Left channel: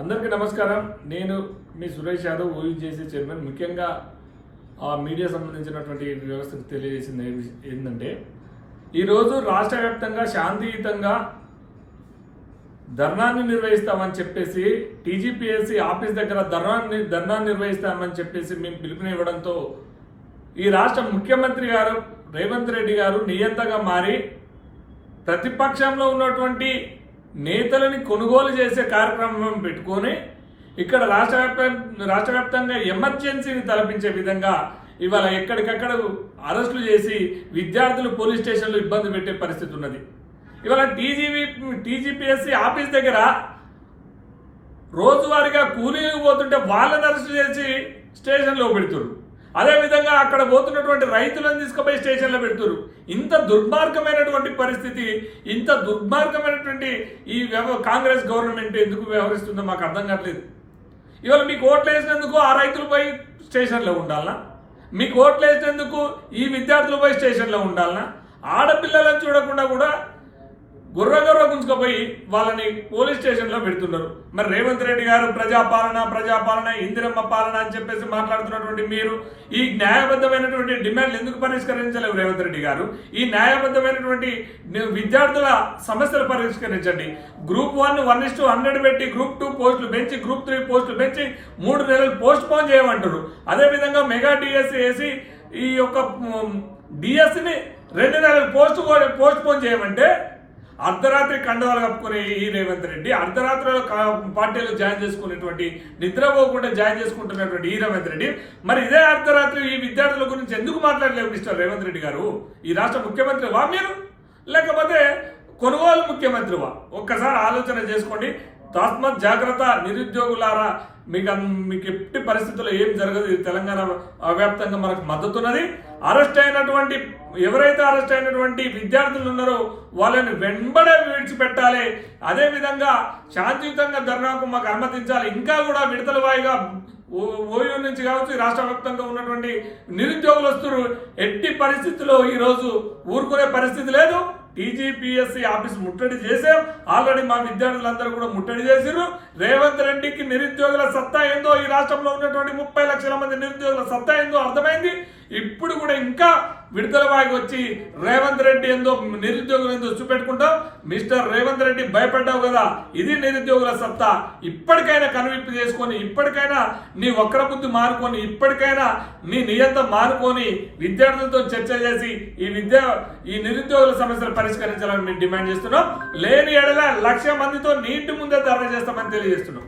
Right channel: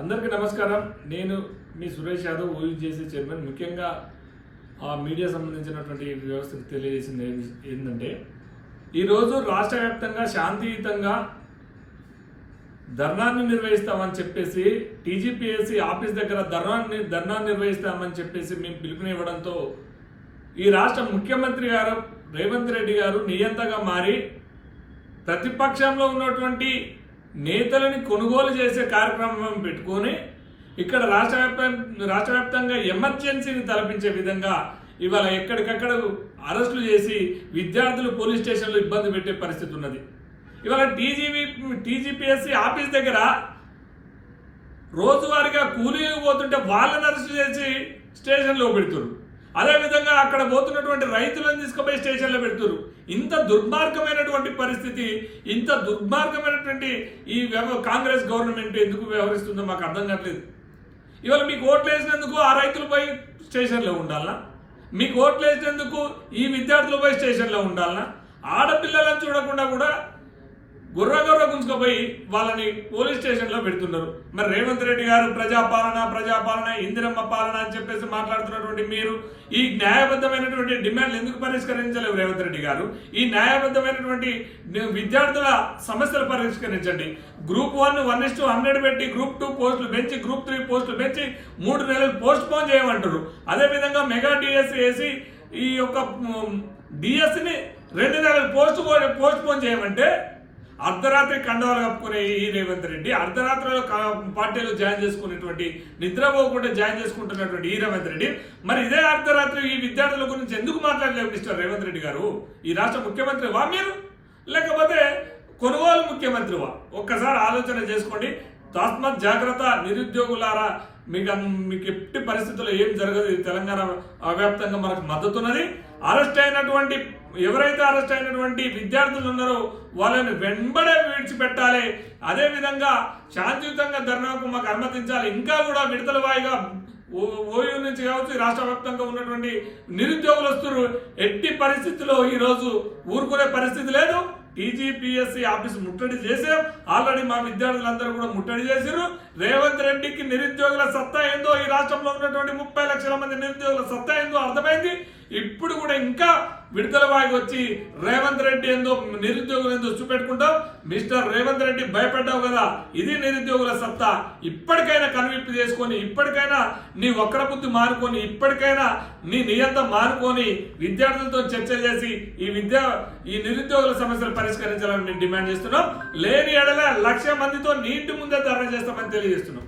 అందరికీ నమస్కారం. నేను మీ సురేష్ యాదవ్, ఓయూజేసీ చైర్మన్. ముఖ్యంగా మీడియా సంబంధించినటువంటి వ్యవస్థకు తెలియజేసింది ఏంటంటే, ఈరోజు రాష్ట్ర వ్యాప్తంగా శాంతియుతంగా ధర్నాన్ని నిర్వహిస్తామని చెప్పేసి టీజీపీఎస్సీ ఆఫీస్ దగ్గర ధర్నా నిర్వహిస్తామని చెప్పేసి మేము పిలుపునివ్వడంతో ఈ రాష్ట్ర ముఖ్యమంత్రి గారు రేవంత్ రెడ్డి గారు నియంతగా మారి ప్రతిపక్షంలో ఉన్నటువంటి నేతలని కొనుగోలు చేసే కార్యక్రమం పెట్టుకొని ఇక్కడ రాష్ట్ర వ్యాప్తంగా ఎమర్జెన్సీని తలపించే విధంగా ఇవాళ ఎక్కడికక్కడ అరెస్టులు చేసి విద్యార్థులు పోలీస్ స్టేషన్లో ఇబ్బంది పెట్టే పరిస్థితి ఉన్నది. ఇవాళ టీజీపీఎస్సీ ఆఫీస్ దగ్గర రోజువారీగా కూలీలకు పోతుంటే వాళ్ళని అరెస్ట్ చేసి స్టేషన్లో పెడుతున్నారు. అదేవిధంగా అక్కడ పోతున్నటువంటి రైతులను తీసుకుపోయి స్టేషన్లో పెడుతున్నారు. ఇంత దుర్మార్గమైనటువంటి పరిస్థితి, ఇంత దుర్మార్గమైనటువంటి ఈ కాంగ్రెస్ గవర్నమెంట్ ఎందుకు వ్యవహరిస్తుందో మాకు అర్థం కావట్లేదు. ఇవాళ మీకు ఓట్లు వేసినందుకు ఆ రైతులు పోయి స్టేషన్లో ఉండాలనా? మీకు ఓట్లు వేసినందుకు ఈ విద్యార్థులు పోయి స్టేషన్లో ఉండాలనా? ఆడపిల్లలను చూడకుండా కూడా గుర్ర గుంజుకపోయి వాళ్ళని పోలీస్ స్టేషన్లో పెడుతున్నారు. మరి రేవంత్ రెడ్డి గారు ప్రజాపాలన ఇందిరమ్మ పాలన అని చెప్పేసి మాట్లాడుతున్నటువంటి మీరు ఈ న్యాయబద్ధమైనటువంటి డిమాండ్లు ఎందుకు పరిష్కరించలేవు? రేవంత్ రెడ్డి గారు ఈ న్యాయబద్ధమైనటువంటి విద్యార్థుల సమస్యలు పరిష్కరించండి. గ్రూప్ 1:100 పెట్టి గ్రూప్ 2 పోస్టులు పెంచి గ్రూప్ 3 పోస్టులు పెంచి 3 నెలలు పోస్ట్ పోన్ చేయమంటారు. అదేవిధంగా మెగా డిఎస్సి వేసి ఈ యొక్క డిఎస్సిని 2 నెలలు పోస్ట్ పోన్ చేయమంటే అర్ధరాత్రి కండవాలు కప్పుకునే ఈ రేవంత్ రెడ్డి, అర్ధరాత్రిలో పార్టీలో జాయిన్ చేసుకునేటువంటి, నిద్రపోకుండా జాయిన్ చేసుకుంటున్నటువంటి ఈ రేవంత్ రెడ్డి మరి ఇదే అర్ధరాత్రి ఈ విద్యార్థుల గురించి ఎందుకు మాట్లాడలేవు మిస్టర్ రేవంత్ రెడ్డి గారు? ఈ రాష్ట్ర ముఖ్యమంత్రివా మీరు, లేకపోతే కొనుగోలు ముఖ్యమంత్రివా? ఒక్కసారి ఆలోచన చేసుకోండి. తస్మత్ జాగ్రత్త నిరుద్యోగులారా, మీకు ఎట్టి పరిస్థితుల్లో ఏం జరగదు. తెలంగాణ వ్యాప్తంగా మనకు మద్దతు ఉన్నది. ఎవరైతే అరెస్ట్ అయినటువంటి విద్యార్థులు ఉన్నారో వాళ్ళని వెంబడే విడిచిపెట్టాలి. అదేవిధంగా శాంతియుతంగా ధర్నాకు మాకు అనుమతించాలి. ఇంకా కూడా విడతల వాయిగా ఓయూ నుంచి కావచ్చు రాష్ట్ర వ్యాప్తంగా ఉన్నటువంటి నిరుద్యోగులు వస్తున్నారు. ఎట్టి పరిస్థితుల్లో ఈరోజు ఊరుకునే పరిస్థితి లేదు. టీజీపీఎస్సీ ఆఫీస్ ముట్టడి చేసాం. ఆల్రెడీ మా విద్యార్థులందరూ కూడా ముట్టడి చేశారు. రేవంత్ రెడ్డికి నిరుద్యోగుల సత్తా ఏందో, ఈ రాష్ట్రంలో ఉన్నటువంటి 30 లక్షల మంది నిరుద్యోగుల సత్తా ఏందో అర్థమైంది. ఇప్పుడు కూడా ఇంకా విడుదల వాగి వచ్చి రేవంత్ రెడ్డి ఏందో నిరుద్యోగులు ఏందో చూపెట్టుకుంటాం. మిస్టర్ రేవంత్ రెడ్డి భయపడ్డావు కదా, ఇది నిరుద్యోగుల సత్తా. ఇప్పటికైనా కనువిప్పు చేసుకొని, ఇప్పటికైనా నీ వక్ర బుద్ధి మానుకొని, ఇప్పటికైనా నీ నియంత్రణ మానుకొని విద్యార్థులతో చర్చ చేసి ఈ నిరుద్యోగుల సమస్యలు పరిష్కరించాలని మేము డిమాండ్ చేస్తున్నాం. లేని ఎడల 1,00,000 మందితో నీటి ముందే ధర్నా చేస్తామని తెలియజేస్తున్నాం.